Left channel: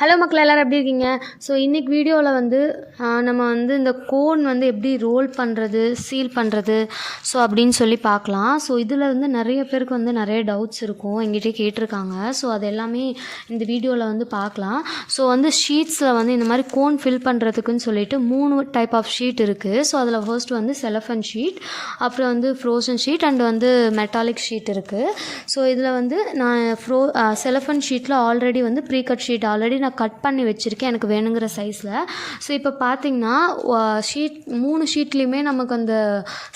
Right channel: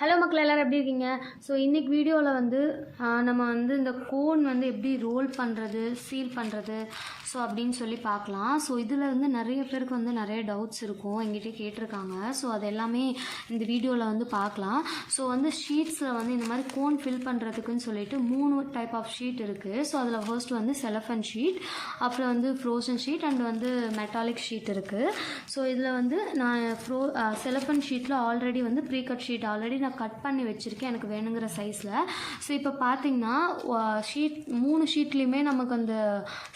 Hello மக்கள் எல்லோரும் எப்படி இருக்கீங்க? ஸோ இன்றைக்கி வீடியோவில் வந்து நம்ம வந்து இந்த கோன் வந்து எப்படி ரோல் பண்ணுறது, சீல் பண்ணுறது ஸோ அப்படின்னு சொல்லி பார்க்கலாம். ஸோ இதில் வந்து நிறைய பேருக்கு வந்து நிறைய டவுட்ஸ் இருக்கும், எங்கிட்டே கேட்டிருக்காங்க. ஸோ அது எல்லாமே இந்த வீடியோவில் வந்து பார்க்கலாம். ஸோ வந்து ஷீட்ஸில் வந்து இந்த மாதிரி கோன் ஃபில் பண்ணுறதுக்குன்னு சொல்லிட்டு 3 டைப் ஆஃப் ஷீட் இருக்குது. ஸோ அதில் ஃபர்ஸ்ட் வந்து செலஃபன் ஷீட், அப்புறம் வந்து ஃப்ரோசன் ஷீட் அண்ட் வந்து மெட்டாலிக் ஷீட் இருக்குது. ஸோ இதில் வந்து நான் செலஃபன் ஷீட்டில் ஆல்ரெடி வந்து ப்ரீ கட் ஷீட் ஆல்ரெடி நான் கட் பண்ணி வச்சுருக்கேன் எனக்கு வேணுங்கிற சைஸில். ஸோ இப்போ பார்த்திங்கன்னா ஷீட் 3 ஷீட்லேயுமே நமக்கு அந்த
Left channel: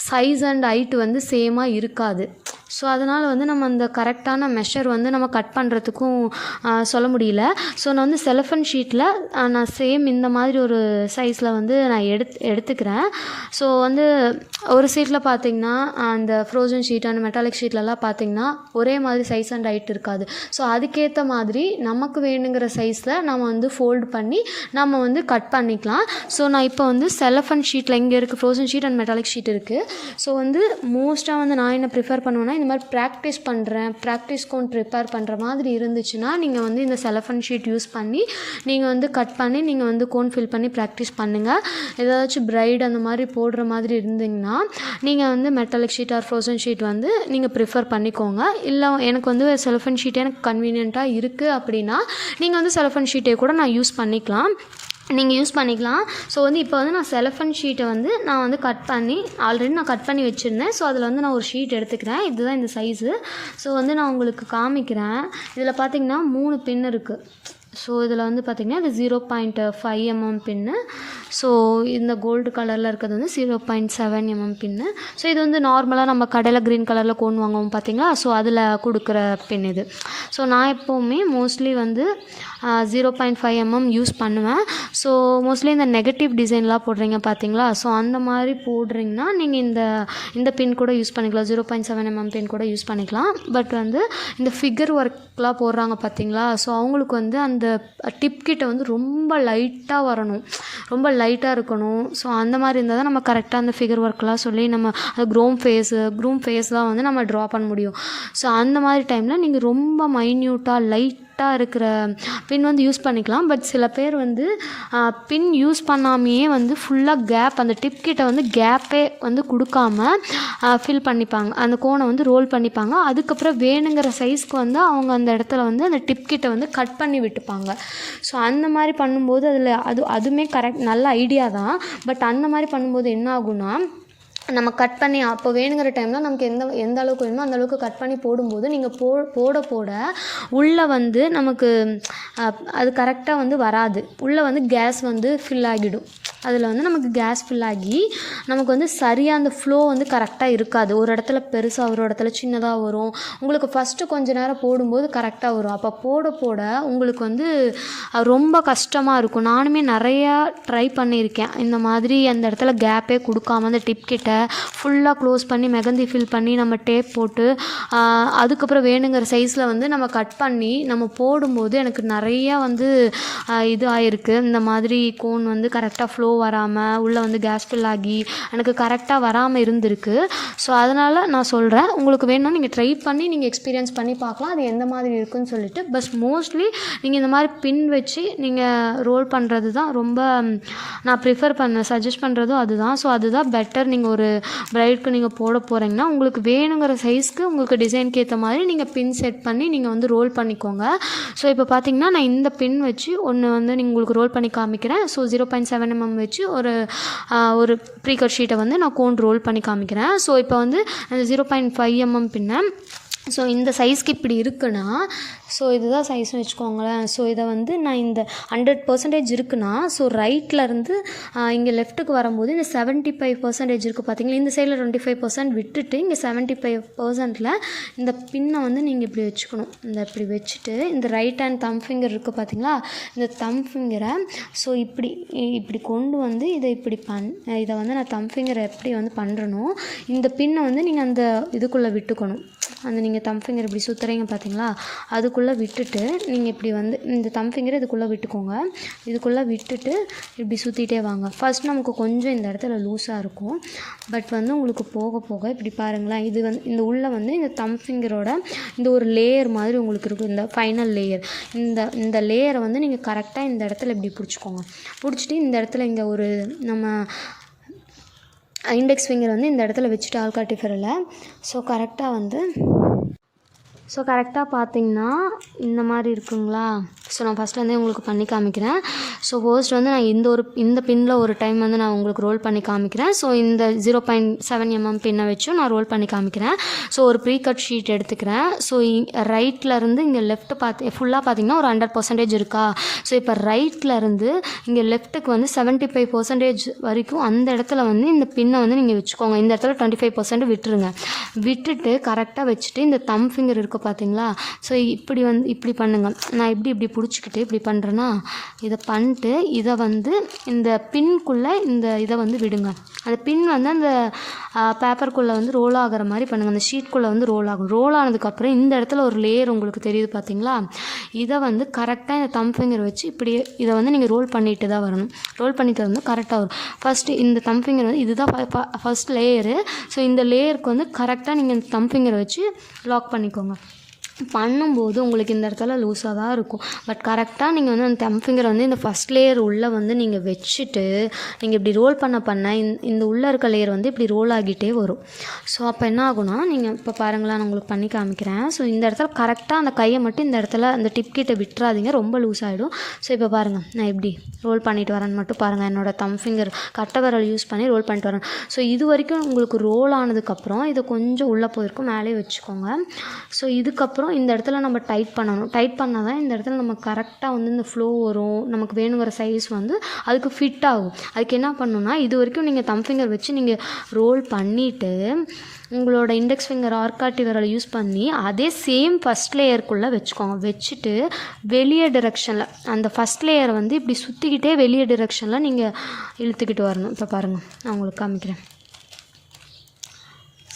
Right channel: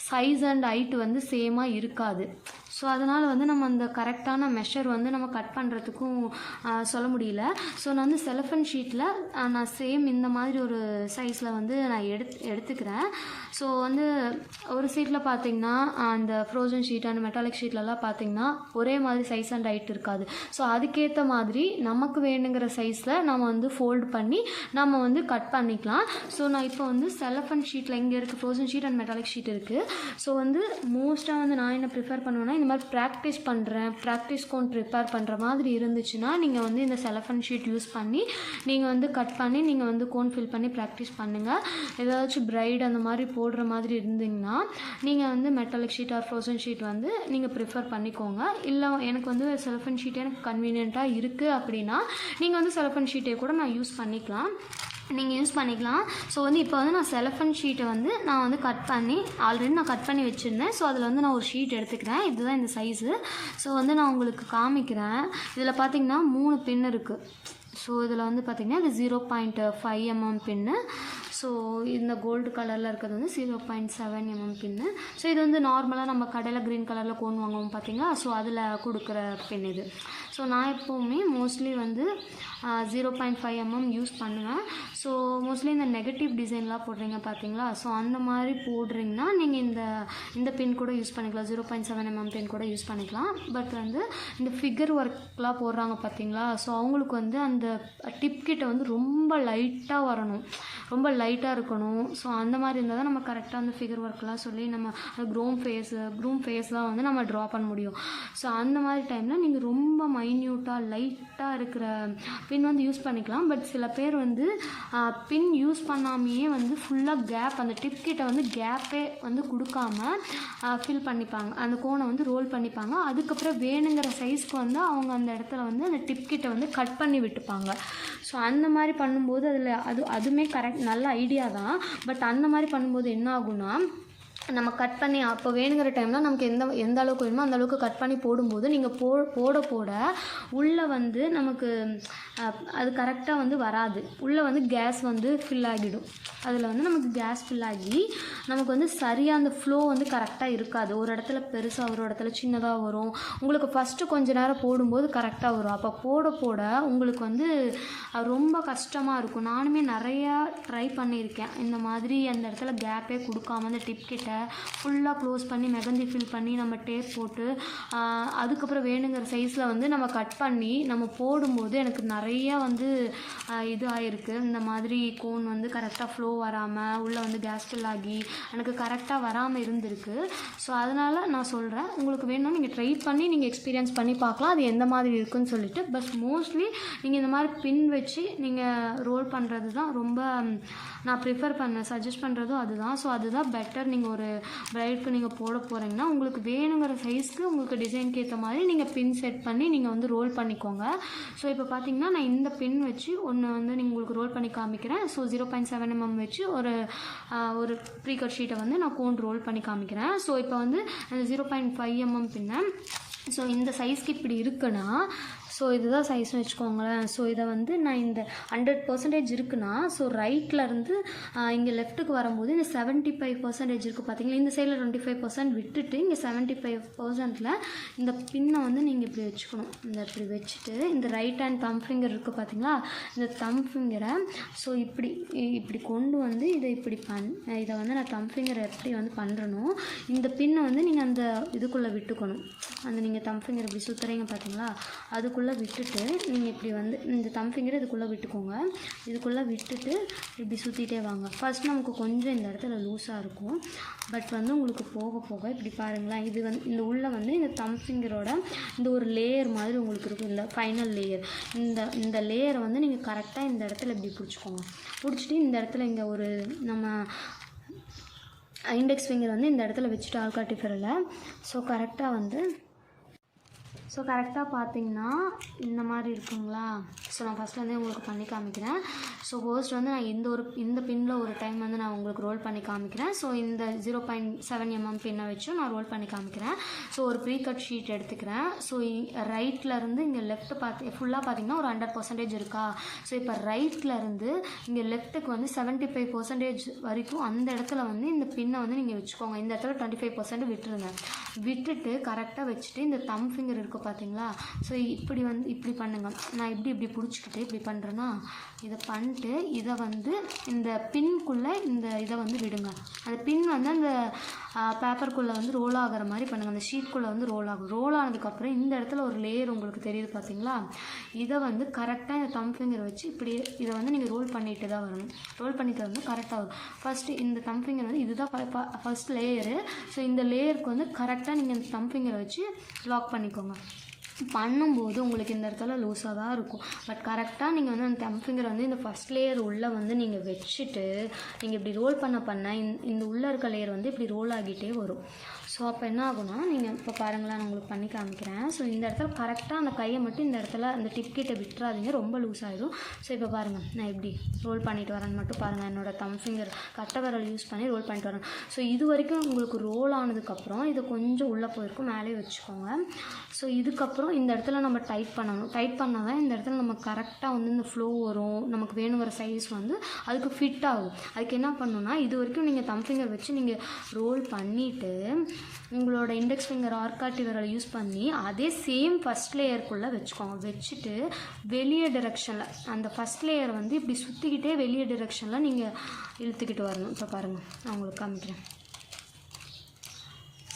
சைஸ் அண்ட் ஹைட் வந்து சேமாக இருக்காது. ஸோ அதனால் வந்து நம்ம அந்த கரெக்டான மெஷர் வந்து நம்ம கட் பண்ணுறதுக்கும் சொல்ல முடியல. ஸோ நான் வந்து செலஃபன் ஷீட்டில் நான் சேம் இந்த மாதிரி ஒரு சைஸில் வந்து நான் எடுத்துக்கிறேன். ஸோ வந்து ஒரு சீட்டில் பார்த்திங்கன்னா அந்த ஃப்ரோசன் ஷீட் அண்ட் மெட்டாலிக் ஷீட்லலாம் பார்த்திங்கன்னா ஒரே மாதிரி சைஸ் அண்ட் ஹைட் இருக்காது. ஸோ அதுக்கேற்ற மாதிரி நமக்கு வேணுங்கிற சைஸில் நம்ம வந்து ஃபோல்டு பண்ணி நம்ம வந்து கட் பண்ணிக்கலாம். ஸோ நான் இப்போ வந்து செலஃபன் ஷீட்டில் இங்கே இருக்குது frozen sheet and metallic sheet இருக்குது. ஸோ வந்து மோஸ்ட்டாக வந்து நான் என்ன ப்ரிஃபர் பண்ணுவேன்னா, இந்த மாதிரி ப்ராக்டிஸ் கோன் ப்ரிப்பேர் பண்ணுற மாதிரி இருந்துச்சுன்னா நீங்கள் வந்து இந்த செலஃபன் ஷீட் யூஸ் பண்ணி நீங்கள் வந்து கட் பண்ணி நீங்கள் வந்து கோன் ஃபில் பண்ணி ப்ராக்டிஸ் பண்ணுங்கள். ஏதாச்சும் பிரைட் அந்த மாதிரி போடுற மாதிரி இருந்தீங்கன்னா நீங்கள் வந்து metallic sheet or frozen sheet வந்து நீங்கள் ப்ரிஃபர் பண்ணிக்கோங்க. இல்லை எனக்கு வந்து செலஃபன் ஷீட்டே எனக்கு கன்வீனியண்ட்டாக இருக்குது அப்படின்னா நீங்கள் வந்து செலஃபன் ஷீட்டே கூட நான் யூஸ் பண்ணிக்கலாம். ஸோ வந்து இப்போ வந்து நான் செலஃபன் ஷீட்டை வந்து நான் வந்து ஆல்ரெடி நான் கட் பண்ணி வச்சுருந்தேன். ஸோ அதில் வந்து நான் ஒரு ஷீட் எடுத்துக்கிறேன். இதுதான் இந்த சைஸு. ஸோ வந்து நான் உங்களுக்கு காமிக்கிறேன். இதில் பார்த்திங்கன்னா 3 பின் இருக்குது. ஸோ இதில் வந்து பார்த்திங்கன்னா இது 0.5 mm பின்னு. ஸோ இந்த கோல்டு கலரில் இருக்கிறது வந்து 0.7 mm பின்னு. ஸோ இது வந்து நார்மலாக நம்ம கடையில் க்ரீன் கலரில் கோன் வாங்குவோம் பார்த்திங்களா, ஸோ அதில் கொடுக்குற பின் இது. ஸோ நான் எப்போவுமே மோஸ்ட்லி வந்து 0.5 mm யூஸ் பண்ணுவேன். ஸோ மோஸ்ட்லி இந்த நெகட்டிவ் டிசைன்லாம் போடுறீங்க பார்த்தீங்களா, ஸோ அந்த மாதிரி போடுறீங்கன்னா நீங்கள் இந்த பின் கூட யூஸ் பண்ணிக்கலாம், 0.7 mm பின் கூட யூஸ் பண்ணிக்கலாம். பட் வந்து இந்த ஃபிகர் ஒர்க்லாம் போடுறாங்க பார்த்தீங்களா, ஸோ அவங்களுக்கு வந்து அந்த டிப் கிட்ட வந்து ரொம்ப லைட்டாக வரணும், ரொம்ப லைட்டாக இருக்கணும். ஸோ அந்த மாதிரி இருந்தால் தான் நம்ம கரெக்டாக அந்த ஃபிகர் ஒர்க்லாம் சொல்லி நம்ம அந்த க்ரூம் ஃபேஸ்லாம் வந்து நம்ம ட்ரா பண்ண முடியும். ஸோ அந்த மாதிரி டைமில் நீங்கள் ரொம்ப மைன்யூட்டாக லைட்டாக இருக்கிற பின் வந்து யூஸ் பண்ணிக்கலாம். பட் சில பேர் வந்து பின் யூஸ் பண்ணாமையே வந்து ஃபுல்லாக கேப் அந்த டிப் கிட்ட வந்து கேப்பே வந்து கொடுக்காம ஃபில் பண்ணிப்பாங்க, அந்த கோனை வந்து ரோல் பண்ணிப்பாங்க. அதுக்கப்புறம் வேணுங்கிற சைஸ்க்கு வந்து அவங்க அந்த இடத்துல வந்து அந்த டிப் கிட்ட வந்து கட் பண்ணி விட்டுப்பாங்க. ஸோ அந்த மாதிரி பண்ணும்போது அதுவுமே கரெக்ட், நல்ல ஐடியா தான். பட் அந்த மாதிரி பண்ணும்போது என்ன ஆகும்னா, நம்ம கட் பண்ணி அப்போ வேணுங்கிற டைமில் நமக்கு எந்த அளவுக்கு வேணுமோ அந்த அளவுக்கு கட் பண்ணி போடும்போது நீங்கள் போட உள்ளே வந்து நமக்கு அது கரெக்டாக வந்து வராது. உள்ளே வந்து கேஸ் வந்து ஃபில் ஆகிடும். அதில் வந்து நமக்கு கேஸ் ஃபில் ஆகி நமக்கு வந்து சரியாக அந்த ஃப்ளோ வந்து கரெக்டாக இருக்காது. ஒரு இடத்துல பெருசாக ஒரு இடத்துல சின்னதாக வரும். உங்களுக்கு ஃபஸ்ட்டு கொஞ்சம் நேரம் போடும்போது கரெக்டாக வரும். அப்போ போட உங்களுக்கு வந்து ரொம்ப கஷ்டமாக இருக்கும். நானுமே நிறையா ட்ரை பண்ணியிருக்கேன். இந்த மாதிரி அந்த இடத்துல கேப்பே கொடுக்காம அந்த டிப் கிட்ட ஃபுல்லாக க்ளோஸ் பண்ணி மெகந்தி ஃபில் பண்ணி நம்ம டேப் போட்டு அதுக்கப்புறம் வேணுங்கிற சைஸில் வந்து நம்ம கட் பண்ணி நம்ம போடும்போது எனக்கு நிறையா வந்து இது ஆகிருக்கு. இந்த மாதிரி கோன் வந்து கரெக்டாக ஃப்ளோ வராமல் உள்ளே வந்து கேஸ் ஃபில் ஆகி எனக்கு கரெக்டாக வராமல் இருந்திருக்கு. ஸோ அதனால் நான் சொல்கிறேன், உங்களுக்கு வேணும்னா நீங்கள் ட்ரை பண்ணி நீங்கள் எக்ஸ்பீரியன்ஸ் பண்ணி பார்க்கலாம் அது எந்த மாதிரி இருக்குதுன்னு சொல்லிட்டு. பட் மோஸ்ட்லி நீங்கள் இந்த மாதிரி பின் வச்சு நீங்கள் ரோல் பண்ணுறது தான் ரொம்ப நான் சஜஸ்ட் பண்ணுறதும் அதுதான். ஸோ அதுதான் பெட்டர். நீங்கள் ஒரு பிரைடுக்கு நீங்கள் போட போகிறீங்கன்னா உங்களுக்கு வேணுங்கிற சைஸ்க்கு உங்களுக்கு டிசைனுக்கு ஏற்ற மாதிரி நீங்கள் பின் செட் பண்ணி நீங்கள் வந்து ரோல் பண்ணிக்கோங்க. ஸோ இப்போ பார்த்தீங்கன்னா நான் இந்த பின் வச்சு ஒன்று வந்து உங்களுக்கு ரோல் பண்ணி காமிக்கிறேன். ஸோ 0.7 mm வச்சு ஒரு ப்ரீ கட் ஷீட்டை வந்து நான் கோன் ரோல் பண்ணி காமிக்கிறேன். ஸோ இப்போ வந்து அந்த 0.5 mm பின்னை ஸோ இந்த சைஸ்க்கு இப்படி இருக்குன்னா, ஸோ இதுதான் சைஸ்னு வச்சுக்கோங்களேன். ஸோ இதை வந்து நான் இந்த 100% இருக்குன்னா, ஸோ ரைட்லேருந்து இங்கே லெஃப்ட்டுக்கு வரும்போது இந்த 75% இருக்குது பார்த்தீங்களா, இந்த சைடில் 25% விட்டுட்டு இங்கே 75%ல் இந்த பின்னை வந்து நீங்கள் இப்படி வச்சுக்கணும். இப்படி வச்சுட்டு இந்த ரைட் ஹேண்ட் தம் ஃபிங்கர் இருக்குது பார்த்தீங்களா, இந்த தம் ஃபிங்கரை ஸோ இப்படி கொண்டு வந்து இதை வந்து நான் தம் ஃபிங்கரை எப்படி வந்து பண்ணுறனோ இந்த பின்னை வந்து நீங்கள் அந்த இதுக்குள்ளே விட்டுக்கணும். அந்த நீங்கள் தம் ஃபிங்கர் இப்படி சுற்றுறீங்க பார்த்தீங்களா, அதுக்குள்ளே இதுக்குள்ளே விட்டுட்டு நீங்கள் இப்படி வந்து இந்த தம் ஃபிங்கரை இதுக்குள்ளே விட்டுக்கோங்க. இதுக்குள்ளே விட்டுட்டு இப்படி சுற்றிட்டே வாங்க. ஃபர்ஸ்ட் நமக்கு கொஞ்சம் இந்த இடத்துல லூஸாக இருக்கும். பட் வந்து உங்களுக்கு போக போக இப்படி பாருங்களேன், இது வந்து இந்த உள்ளே வந்து இந்த தம் ஃபிங்கரோட இந்த ஒரு லேயர் மாதிரி உங்களுக்கு இருக்கும், இந்த ஃபைனல் லேயர். இந்த லேயரை வந்து நீங்கள் கரெக்டாக இந்த இடத்துல இப்படி பிடிச்சிக்கோங்க. பிடிச்சிட்டு இந்த இடத்துல இங்கே ஒரு நம்ம இண்டெக்ஸ் ஃபிங்கர் வந்து இந்த இடத்துல வச்சுட்டு ஆள்காட்டி விரலை ஸோ கரெக்டாக பார்த்தீங்கன்னா இந்த மாதிரி இருக்குங்களா. ஸோ நான் ஃபஸ்ட்லேருந்தே உங்களுக்கு பண்ணி காமிக்கிறேன். ஸோ ஃபர்ஸ்ட் வந்து நான் இந்த பின்னில் ஒரு டைம் வந்து நான் உங்களுக்கு ரோல் பண்ணி காமிக்கிறேன். ஸோ இந்த 0.7 mm பின்னை வச்சும் நான் ரோல் பண்ணி காமிக்கிறேன். ஸோ ஒரு ப்ரீ கட் ஷீட் எடுத்துக்கிறேன். ஸோ ரைட்லேருந்து இங்கே லெஃப்ட் ஃபுல்லாக பார்த்தீங்கன்னா ஒரு 100% இருக்கா. ஸோ இப்போ ரைட்லேருந்து இங்கே லெஃப்ட்டுக்கு வந்து 75% வரைக்கும் அந்த இடத்துல வந்து இந்த பின்னை வந்து நீங்கள் வச்சுக்கோங்க. இந்த இடத்துல 25% விட்டுருங்க. விட்டுட்டு கரெக்டாக வச்சுட்டு இந்த தம் ஃபிங்கர் இருக்க பார்த்தீங்களா. ஸோ இப்படி பண்ணுங்கள். நான் இப்படி பிடிச்சிக்கிட்டு இப்படி பண்ணுறேன்னா இதை பண்ணிட்டு இதை வந்து இந்த பின்குள்ளே இதை வந்து விடுங்க. அந்த பின் வந்து அந்த பேப்பருக்குள்ளே வந்து ரோல் ஆகிற மாதிரி பண்ணுங்கள். அந்த ஷீட்குள்ளே வந்து ரோல் ஆகும். ரோல் ஆனதுக்கப்புறம் இந்த இடத்துல ஒரு லேயர் உங்களுக்கு தெரியுது பார்த்தீங்களா. இதை வந்து கரெக்டாக இந்த தம் ஃபிங்கர் வச்சு இப்படியே இதை வந்து நீங்கள் ரோல் பண்ணிட்டு தான் வரணும். ரோல் பண்ணிட்டு வந்து கரெக்டாக வரும். ஃபஸ்ட்டு இந்த தம் ஃபிங்கர் வந்து இதுதான் ஃபஸ்ட் லேயரு. ஸோ இந்த லேயருக்கு வந்து கரெக்டாக நீங்கள் இந்த தம் ஃபிங்கரை வச்சு லாக் பண்ணிக்கோங்க. பண்ணும்போது உங்களுக்கு இந்த இடத்துல லூஸாக தான் இருக்கும். பட் கரெக்டாக நீங்கள் வந்து அந்த தம் ஃபிங்கரை வந்து இந்த ஃபஸ்ட் லேயர் உள்ளே வந்து நீங்கள் வச்சுட்டு நீங்கள் இப்படி ரோல் பண்ண இந்த உள்ளே இருக்க லேயர் வந்து இப்படி ரோல் ஆகிட்டே வரும். ஸோ அப்போ என்ன ஆகும்னா நீங்கள் இப்போ பாருங்களேன், நான் உங்களுக்கு பண்ணி காமிக்கிறேன். ஸோ இந்த இடத்துல கரெக்டாக அந்த கையை மட்டும் இந்த இடத்துல அந்த டிப் கிட்ட விட்டுறாதீங்க, ரொம்ப லூஸ் ஆகிடும். ஸோ இப்போ பாருங்கள், நான் எப்படி ரோல் பண்ணிட்டு வரேன்னு மட்டும் பாருங்கள். என்னோடய தம் ஃபிங்கர் கட்டை விரல் யூஸ் பண்ணி ரோல் பண்ணிட்டு வரேன். ஸோ இது வரைக்கும் உங்களுக்கு ரோல் ஆனதுக்கப்புறம் இதை கொஞ்சம் உள்ளே போயிருக்கும், மேலே வச்சுக்கோங்க. ஸோ இதுக்கப்புறம் இந்த இடத்துல நம்ம டைட் பண்ணணும். டைட் பண்ணால் தான் இந்த இடத்துல நம்ம கரெக்டாக வந்து இந்த ஃப்ளோ வரும். நமக்கு வேணுங்கிற சைஸ் வந்து அதுக்கு ஃபிட் ஆகும். அதுக்கு என்ன பண்ணணும்னா இது வரைக்கும் நீங்கள் தம் ஃபிங்கர் வச்சு நீங்கள் ரோல் பண்ணிவிட்டு உங்களோட இண்டெக்ஸ் ஃபிங்கர் ஆள்காட்டி விரலை யூஸ் பண்ணி அதே சேம் ஃபஸ்ட் லேயருக்குள்ளே வச்சுக்கோங்க. வச்சுட்டு வெளியே டிரெக்ஷனில் அந்த ஃபஸ்ட் லேயரை வந்து இப்படி சுற்றிக்கிட்டே வெளியே டிரெக்ஷனில் நீங்கள் இழுத்துக்கிட்டு வரணும். இப்போ பாருங்கள், நான் உங்களுக்கு காமிக்கிறேன்.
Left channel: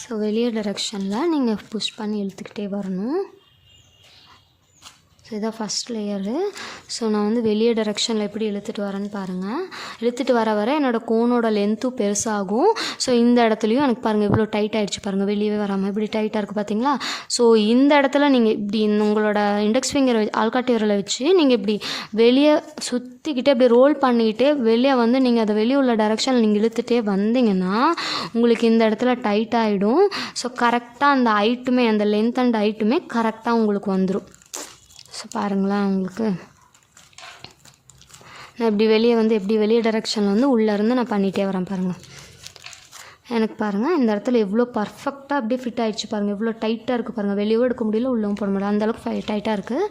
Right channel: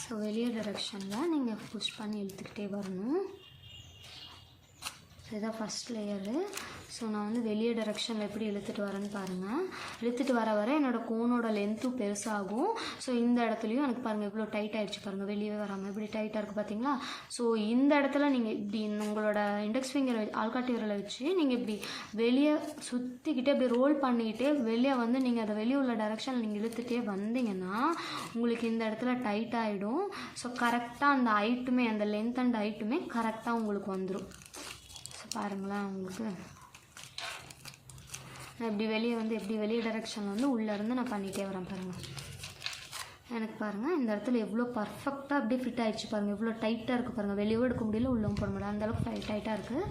ஸோ வெளியே டிரெக்ஷனில் நீங்கள் புஷ் பண்ணி இழுத்துக்கிட்டே வரணும். ஸோ இதான் ஃபஸ்ட் லேயரு. ஸோ நான் வந்து வெளியே டைரெக்ஷனில் எப்படி இழுத்துட்டு வரேன்னு பாருங்கள். இழுத்துட்டு வர என்னோடய கோனோட லென்த்தும் பெருசாகும். ஸோ இந்த இடத்துலையும் எனக்கு பாருங்கள் இவ்வளோ டைட் ஆகிடுச்சு பாருங்கள், வெளியே வராமல் இப்படி டைட்டாக இருக்குது பார்த்தீங்களா. ஸோ இந்த இடத்துல நீங்கள் இப்படி உங்களோட இண்டெக்ஸ் ஃபிங்கர் ஆள்காட்டி விரலை வச்சு நீங்கள் இப்படி வெளியே சுற்றிக்கிட்டே இப்படி ரோல் பண்ணிக்கிட்டே வெளியே வந்து நீங்கள் அதை வெளியே உள்ள டைரெக்ஷனில் நீங்கள் இழுத்துகிட்டே வந்தீங்கன்னா உங்களுக்கு இந்த இடத்துல டைட் ஆகிடும். ஸோ கரெக்டாக அந்த ஹைட்டுமே அந்த லென்த் அண்ட் ஹைட்டுமே கரெக்டாக உங்களுக்கு வந்துடும். ஸோ பாருங்களேன், உங்களுக்கு நான் இப்படி வெளியே டைரெக்ஷனில் வந்து உள்ளேருந்து நான் பண்ணிகிட்டே வரேன் பாருங்கள். எனக்கு பாருங்கள் இந்த இடத்துல எவ்வளோ பர்ஃபெக்டாக அப்படியே ஃபிட் ஆகிடுச்சு பாருங்கள். எவ்வளோ டைட்டாக இருக்குது பாருங்கள், வெளியவும் எடுக்க முடியல உள்ளவும் போட முடியல, அந்தளவுக்கு டைட்டாக இருக்குது.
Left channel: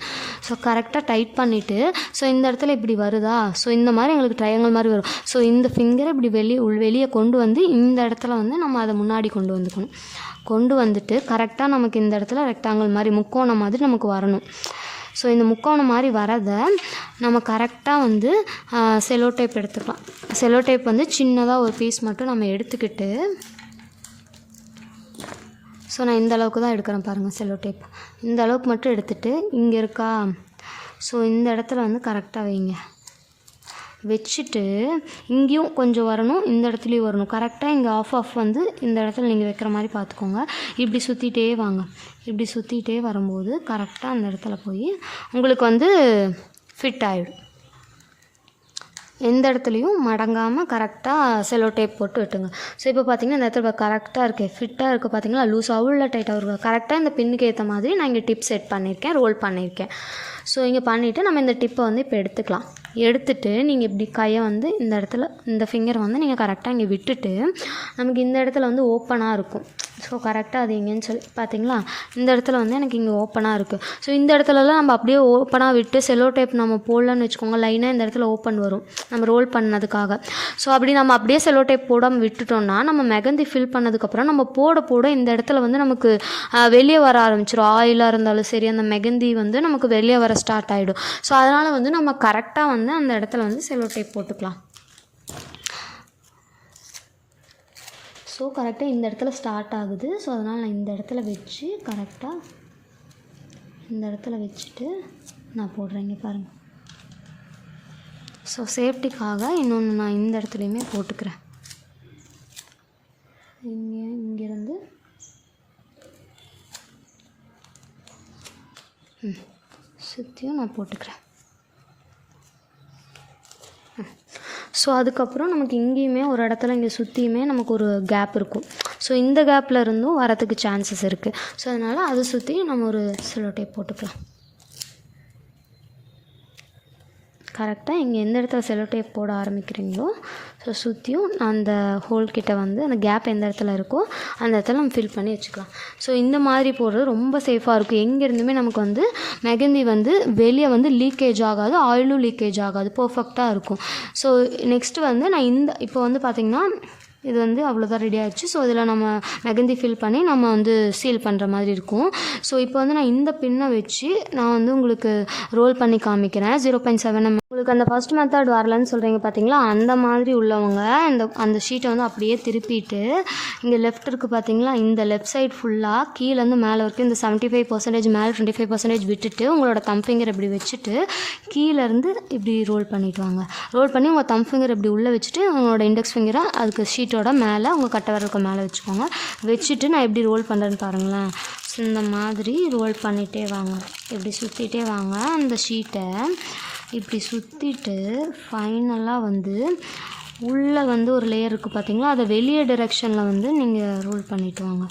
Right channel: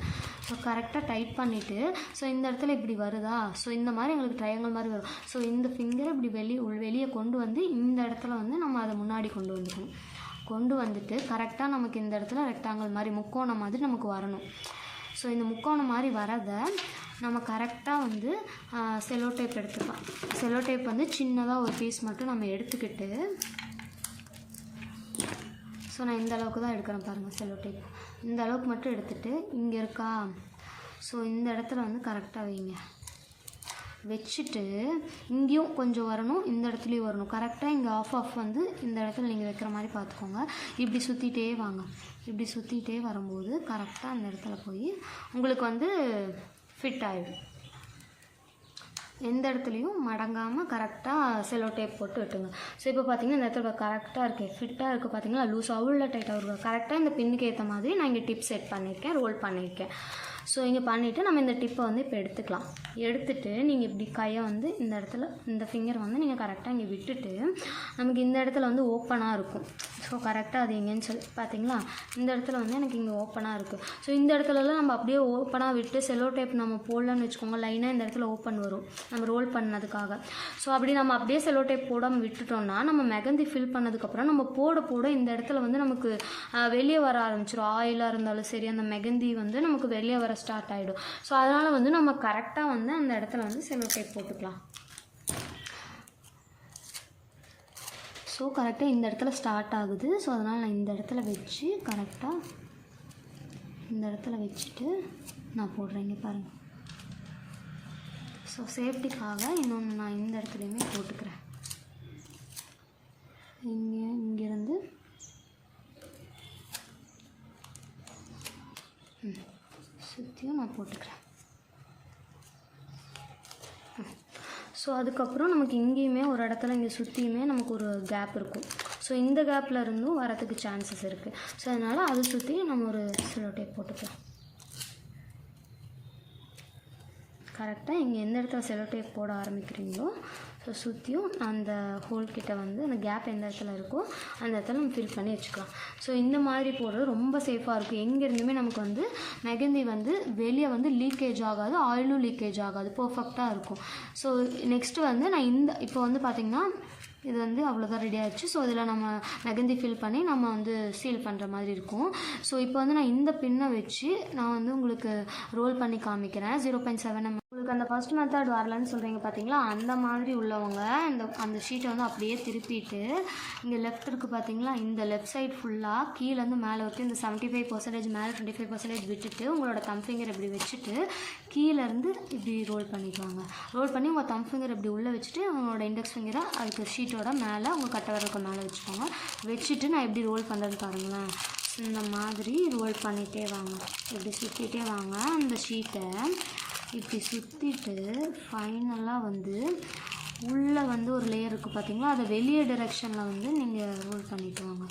ஸோ கரெக்டாக டைட் பண்ணிவிட்டு ஸோ இந்த இடத்துல இப்படி வருதா. ஸோ இந்த மாதிரி எங்களுக்கு ட்ரையாங்கிள் மாதிரி வரும். ஸோ இந்த ஃபிங்கரை இப்படி வெளியே கொண்டு வந்து இந்த இடத்துல வந்து நம்ம அதை முன்னாடி கொண்டு வந்துட்டு கரெக்டாக நமக்கு இந்த இடத்துல ரெக்டாங்கிள் மாதிரி முக்கோணம் மாதிரி நமக்கு வரணும். ஸோ இந்த முக்கோணம் மாதிரி வரதை நம்ம கரெக்டாக வந்து செலோ டேப் எடுத்துக்கலாம். செலோ டேப் வந்து சின்னதாக ஒரு பீஸ் மட்டும் நம்ம எடுத்துக்கிட்டு ஸோ நான் இந்த அளவுக்கு தான் எடுக்கிறேன் பாருங்கள். செலோ டேப் இந்த அளவுக்கு மட்டும் எடுத்துகிட்டு இங்கே இருக்கா. ஸோ இந்த இடத்துல வந்து கரெக்டாக வைங்க. வச்சுட்டு இங்கேயும் கொஞ்சம் வரணும், இந்த இடத்துலையும் வரணும். கரெக்டாக இங்கே ஆஃப் வந்து இந்த இடத்துல நீங்கள் வைக்கிற மாதிரி பார்த்துக்கோங்க. இப்படி சுற்றிட்டே வாங்க. இப்படி சுற்றிட்டே வரும்போது கரெக்டாக அந்த இடத்துல போய் உங்களுக்கு வந்து ஃபிட் ஆகிடும். எந்த இடத்துலையும் மடங்காமல் கரெக்டாக செலோ டேப் போட்டு விட்டுங்க. ஸோ இப்போ பார்த்தீங்கன்னா இந்த இடத்துல கரெக்டாக இருக்குது, ஃபிட்டாக இருக்குது பார்த்தீங்களா. லூஸாகவும் உள்ள டைட்டாக இருக்கும். கரெக்டாக இந்த பின்னுக்கு ஏற்ற மாதிரி நான் இங்கே டிப் செட் பண்ணியிருக்கேன், ரோல் பண்ணியிருக்கேன். ஸோ இங்கே பண்ணிவிட்டு நம்ம இந்த டிப்பை வந்து இப்போ எடுத்துக்கலாம். எடுத்துகிட்டு நீங்கள் இப்படி கையை வந்து இந்த இடத்துல இந்த ஃபிங்கரை வந்து நீங்கள் கரெக்டாக இங்கே விட்டுட்டு நமக்கு இந்த இடத்துல வந்து ஓப்பனாக இருக்கும். ஸோ கரெக்டாக அது எங்கேன்னு சொல்லி பார்த்தீங்களா, இந்த இடத்துல வந்து எனக்கு இங்கே ஓப்பனாக இருக்குது. ஸோ இந்த இடத்துலலாம் நம்ம அப்படியே ஓப்பனாக விட்டு செலோ டேப் நம்ம போடலன்னு வச்சுக்கோங்க, லைனாக இந்த இடத்துல ஓப்பன் வரும் நம்ம ரோல் பண்ணதுக்காக. ஸோ அப்படி நம்ம அப்படியே செலோ டேப் போடாமல் விட்டுட்டோம்னா நம்ம மெகந்தி ஃபில் பண்ணதுக்கப்புறம் நம்ம போட இந்த இடத்துல வந்து நமக்கு வெளியே வர ஆரம்பிச்சிடும். ஆயிலாக இருந்தாலும் சரி அந்த மெகந்தி வந்து நமக்கு வெளியே வர ஸ்டார்ட் ஆகிடும். ஸோ அதனால் வந்து நம்ம கரெக்டாக வந்து அந்த இடத்துல வந்து செலோ டேப் போட்டுக்கலாம். ஸோ கரெக்டாக இந்த இடத்துல ஸ்டார்ட் ஆகுது. ஸோ அதனால் நான் இந்த இடத்துல வச்சு கரெக்டாக இந்த இடத்துல வச்சுட்டு நான் போடுறேன். இங்கே பாருங்கள். ஸோ சேஃப்டிக்காக இன்னொன்று நான் இந்த இடத்துலையுமே போட்டுக்கிறேன். இங்கேருந்து சுற்றியும் நான் போட்டுக்கிறேன். ஸோ அதுக்கப்புறம் நமக்கு இங்கேயுமே ஒரு இடத்துல இங்கே சுற்றியுமே நமக்கு ஒரு கேப் இருக்கும். ஸோ இந்த கேப்பில் இருந்தும் வரத்துக்கு சான்சஸ் இருக்குது. ஸோ அதனால் அதை சுற்றி நம்ம ஒரு செல்லோ டேப் போட்டுக்கலாம். கரெக்டாக இங்கே எந்த இடத்துல செல்லோ டேப் போட ஆரம்பிக்கிறீங்களோ ஸோ சுற்றியும் அந்த ஹோல்கிட்ட வந்து அந்த கேப் எந்த இடத்துல இருக்கோ அந்த இடத்துல நம்ம ஃபில் பண்ணி வச்சுக்கலாம். ஸோ இந்த மாதிரி போடுறது ரொம்ப சேஃபாக இருக்கும். எங்கேருந்துமே நமக்கு வந்து மெகந்தி வந்து வெளியே வந்து லீக்கேஜ் ஆகாது, ஆயிலும் லீக்கேஜ் ஆகாது, பர்ஃபெக்டாக இருக்கும். ஸோ நெக்ஸ்ட்டு வந்து நான் இப்போ வந்து பார்த்திங்கன்னா இது வந்து அவ்வளோதான் ரெடி ஆகிடுச்சு. ஸோ இதில் நம்ம மெகந்தி ஃபில் பண்ணி நம்ம வந்து சீல் பண்ணுற மாதிரி இருக்கும். ஸோ இப்போ வந்து நான் இந்த பின்னை வச்சு நான் வந்து உங்களுக்கு ரோல் பண்ணி காமிக்கிறேன். 0.7 mm. உங்களுக்கு அந்த ஃபஸ்ட் மெத்தட் வரலன்னு சொல்கிறீங்க பார்த்தீங்களா, அந்த மாதிரி உள்ளவங்க அந்த ஷீட்டை வந்து அப்படியே திருப்பிட்டு இங்கே லெஃப்ட் இருக்குது பார்த்தீங்களா, இந்த லெஃப்ட் சைட் ஃபுல்லாக கீழேருந்து மேலே வரைக்கும் இந்த 75% மேலே 25% விட்டுட்டு உங்களோட தம் ஃபிங்கர் இப்படி வச்சுட்டு கீழேருந்து இப்படி ரோல் பண்ணிட்டு வாங்க. ரோல் பண்ணி உங்கள் தம் ஃபிங்கர் இப்படி உள்ளே வச்சுட்டு உங்களோட இண்டெக்ஸ் ஃபிங்கரை அதுக்கு ஷீட்டோட மேலே உங்கள் கட்டை விரலுக்கு மேலே வச்சுக்கோங்க. வச்சுட்டு நான் எப்படி ரோல் பண்ணுறேன்னு பாருங்களேன். ஸோ இந்த மாதிரி ரோல் பண்ணிகிட்டே வாங்க, இப்படி சுற்றிட்டே வாங்க. அந்த ஷீட்டை இப்படி சுற்றிட்டு ஃபைனலாக வந்து உள்ளே வந்து ஒரு லேயர் இருக்குது பார்த்தீங்களா, அதை வெளியே டிரெக்ஷனில் வந்து நீங்கள் ரோல் பண்ணிவிட்டு வாங்க.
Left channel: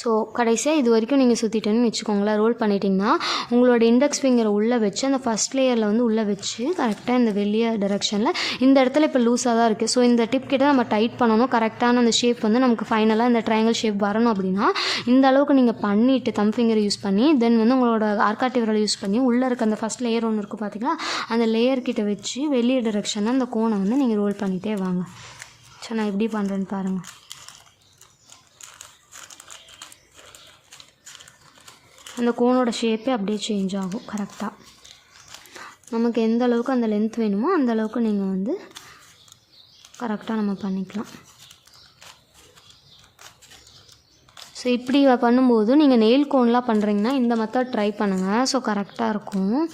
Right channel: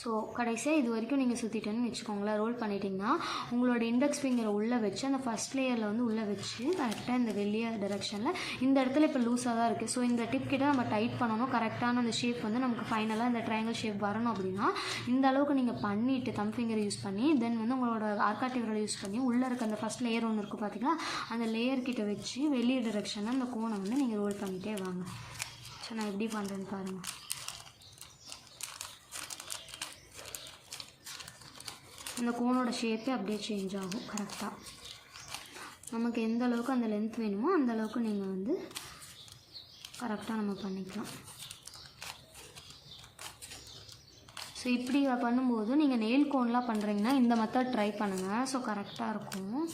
ஸோ கடைசியாக இது வரைக்கும் நீங்கள் சுற்றிட்டேன்னு வச்சுக்கோங்களேன். ரோல் பண்ணிட்டிங்கன்னா உங்களோட இண்டெக்ஸ் ஃபிங்கரை உள்ளே வச்சு அந்த ஃபஸ்ட் லேயரில் வந்து உள்ளே வச்சு கரெக்டாக இந்த வெளியே டிரெக்ஷனில் இந்த இடத்துல இப்போ லூஸாக தான் இருக்குது. ஸோ இந்த டிப் கிட்ட நம்ம டைட் பண்ணணும். கரெக்டான அந்த ஷேப் வந்து நமக்கு ஃபைனலாக இந்த ட்ரையாங்கிள் ஷேப் வரணும். அப்படின்னா இந்த அளவுக்கு நீங்கள் பண்ணிவிட்டு தம் ஃபிங்கரை யூஸ் பண்ணி தென் வந்து உங்களோட ஆர்காட்டி விரலை யூஸ் பண்ணி உள்ளே இருக்க அந்த ஃபஸ்ட் லேயர் ஒன்று இருக்குது பார்த்தீங்களா, அந்த லேயர் கிட்ட வச்சு வெளியே டிரெக்ஷனில் அந்த கோனை வந்து நீங்கள் ரோல் பண்ணிகிட்டே வாங்க. ஸோ நான் எப்படி பண்ணுறேன்னு பாருங்கள். அந்த கோனோட ஷேப்பே அப்படியே சேஞ்ச் ஆகும். கரெக்டாக நமக்கு எந்த அளவுக்கு அந்த லென்த் வேணுமோ அந்த அளவுக்கு நீங்கள் வந்து கரெக்டாக நம்ம பண்ணிக்கலாம். ஸோ இப்படி பண்ணும்போது நீங்கள் நெயில் கோன்லாம் பண்ணுறீங்கன்னா இந்த மெத்தட் ட்ரை பண்ணுங்கள். ஸோ கரெக்டாக இருக்கும்.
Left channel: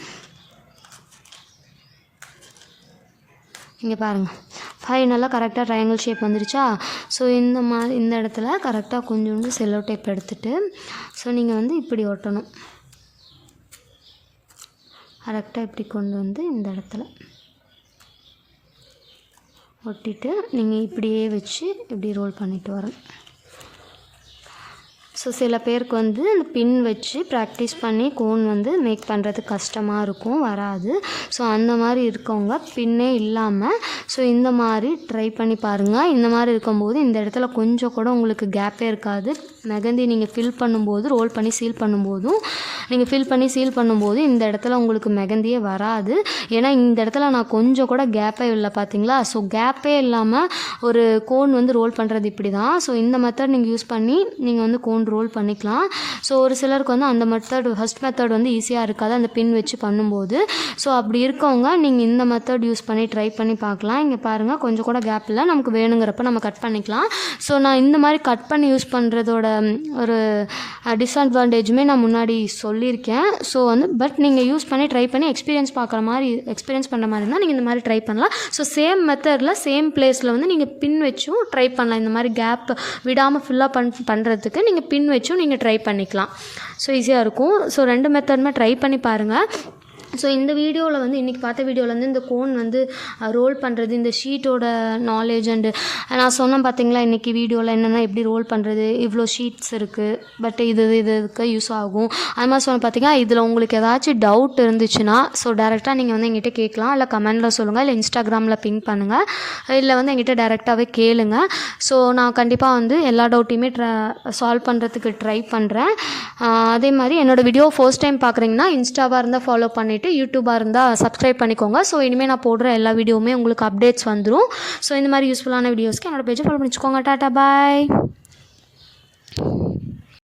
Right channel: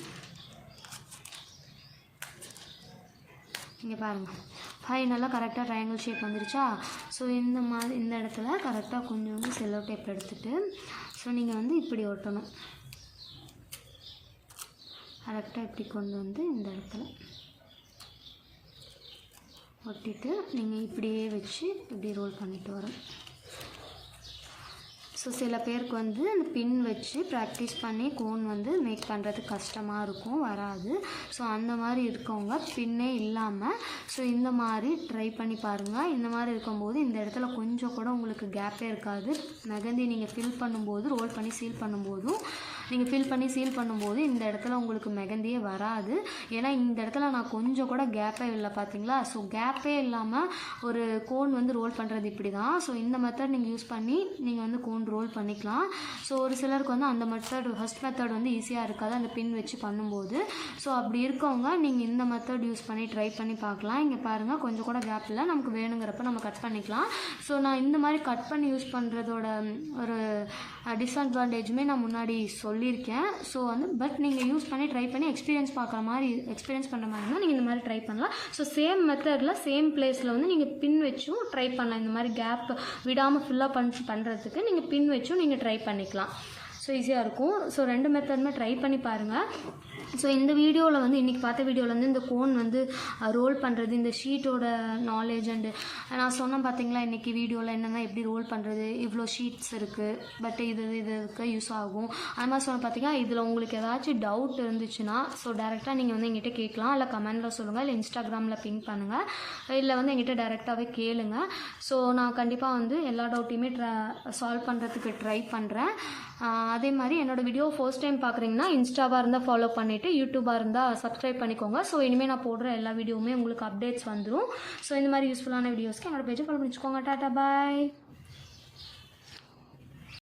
இங்கே பாருங்கள், ஃபைனலாக கரெக்டாக ட்ரையாங்கிள் ஷேப் வந்துருச்சா. ஸோ இந்த இடத்துல கரெக்டாக கொஞ்சோண்டு செல்லோ டேப் எடுத்துகிட்டு ஸோ நீங்கள் வந்து இப்படி ஒட்டணும். கரெக்டாக இப்படி கொண்டு வந்து இந்த இடத்துல ஒட்டிட்டு நீங்கள் இப்படியே வச்சு இப்படி ரோல் பண்ணிட்டு வரணும். ஸோ சில பேருக்கு வந்து பின் வச்சு ப்ராக்டிஸ் பண்ணி கோன் வந்து மேக் பண்ணுறது கஷ்டமாக இருக்கும், வராது. ஸோ அந்த மாதிரி இருக்கவங்க பின்னே இல்லாமல் ஸோ இந்த மாதிரி ட்ரை பண்ணி பாருங்கள். இந்த மாதிரி இருக்கும்போது இந்த இடத்துல கொஞ்சம் கூட உங்களுக்கு கேப்பே இருக்காது. மெகந்தி நீங்கள் ஃபில் பண்ணும்போது ரோல் பண்ணி சீல் பண்ணும்போதும் நீங்கள் ஃபில் பண்ணி சீல் பண்ணும்போது இந்த இடத்துல உங்களுக்கு மெகந்தியே வராது. ஏன்னா இந்த இடத்துல நான் கொஞ்சம் கூட கேப்பே இல்லை பார்த்தீங்களா. ஸோ கேப்பே இல்லாமல் ஒரு கோன் வந்து ரோல் பண்ணுறது இப்படி தான். ஸோ இந்த மெத்தட் நீங்கள் யூஸ் பண்ணி நீங்கள் வந்து கோன் ரோல் பண்ணிக்கலாம். ஸோ ஒரு சிலருக்கு வந்து அந்த ஃபஸ்ட் மெத்தட் வந்து ஈஸியாக இருக்காது அந்த பின் வச்சு பண்ணும்போது. ஸோ அப்படி இருக்கவங்க நீங்கள் இந்த மெத்தட் யூஸ் பண்ணி ட்ரை பண்ணி பார்க்கலாம். இங்கே பாருங்கள், கொஞ்சம் கூட கேப் இல்லை, நமக்கு வேணுங்கிறப்ப நம்ம கட் பண்ணிக்கலாம். ஸோ நான் இந்த மாதிரி கட் பண்ணி யூஸ் பண்ணுறதோட ஒரு டிஸ்அட்வான்டேஜுமே நான் முன்னாடி சொல்லியிருக்கேன். ஸோ வந்து பட் நீங்கள் யூஸ் பண்ணி ட்ரை பண்ணி எக்ஸ்பீரியன்ஸ் பண்ணுற மாதிரி இருந்தால் நீங்கள் இந்த மாதிரி ட்ரை பண்ணலாம். ஸோ சேம் மெத்தடில் சேம் பிளேஸில் வந்து நீங்கள் பின் வச்சும் ட்ரை பண்ணலாம். இந்த மாதிரி கேப் விடாமல் ஃபில்லாக பண்ணுறதுக்கு நீங்கள் பின் வச்சும் நீங்கள் ட்ரை பண்ணிக்கலாம். ஸோ ஈஸியாக இருக்கும். ஸோ 2 மெத்தடுமே ட்ரை பண்ணி பாருங்கள். ஸோ இந்த வீடியோவில் வந்து இன்றைக்கி பார்த்த வீடியோவில் வந்து இந்த கோன் வந்து ரோல் பண்ணுறது, இந்த ஷீட்டோட நாலேஜ் அண்டு நான் சொன்னேன் பார்த்தீங்களா இன்றைக்கி வீடியோவில் என்னென்னா எப்படி ரோல் பண்ணுறது, இவ்வளோ ஷீட்ஸ் இருக்குது, பட் இதுக்கு யூஸ் ஆகும் அது மாதிரி சொன்ன பார்த்தீங்கன்னா. இதில் உங்களுக்கு ஏதாச்சும் டவுட் இருந்துச்சுன்னா ஸோ டேரெக்டாக நீங்கள் வந்து எங்கிட்ட கேட்கலாம், இல்லை கமெண்டில் சொல்லுங்கள், இல்லை இன்ஸ்டாகிராமில் பிங் பண்ணுங்கள், இல்லை வந்து எங்கிட்ட டேரெக்டாகவே கேளுங்க. ஸோ நான் கண்டிப்பாக வந்து எல்லா டவுட்டையுமே சால்வ் பண்ணுறதுக்கு ட்ரை பண்ணுறேன். அதே மாதிரி என்னோடய வீடியோ ஃபர்ஸ்ட் டைம் பார்க்குறீங்கன்னா இன்ஸ்டாவாக இருந்தால் ஃபாலோ பண்ணிவிட்டு யூடியூபாக இருந்தால் சப்ஸ்கிரைப் பண்ணிக்கோங்க. ஸோ இனிமேல் நான் போடுற எல்லா வீடியோவுமே உங்களுக்கு அப்டேட்ஸ் வந்துடும். ஸோ இந்த மாதிரி யூஸ்ஃபுல்லான வீடியோஸ்க்கு என்னோடய பேஜை ஃபாலோ பண்ணிச்சுக்கோங்க. டாட்டா பாய்.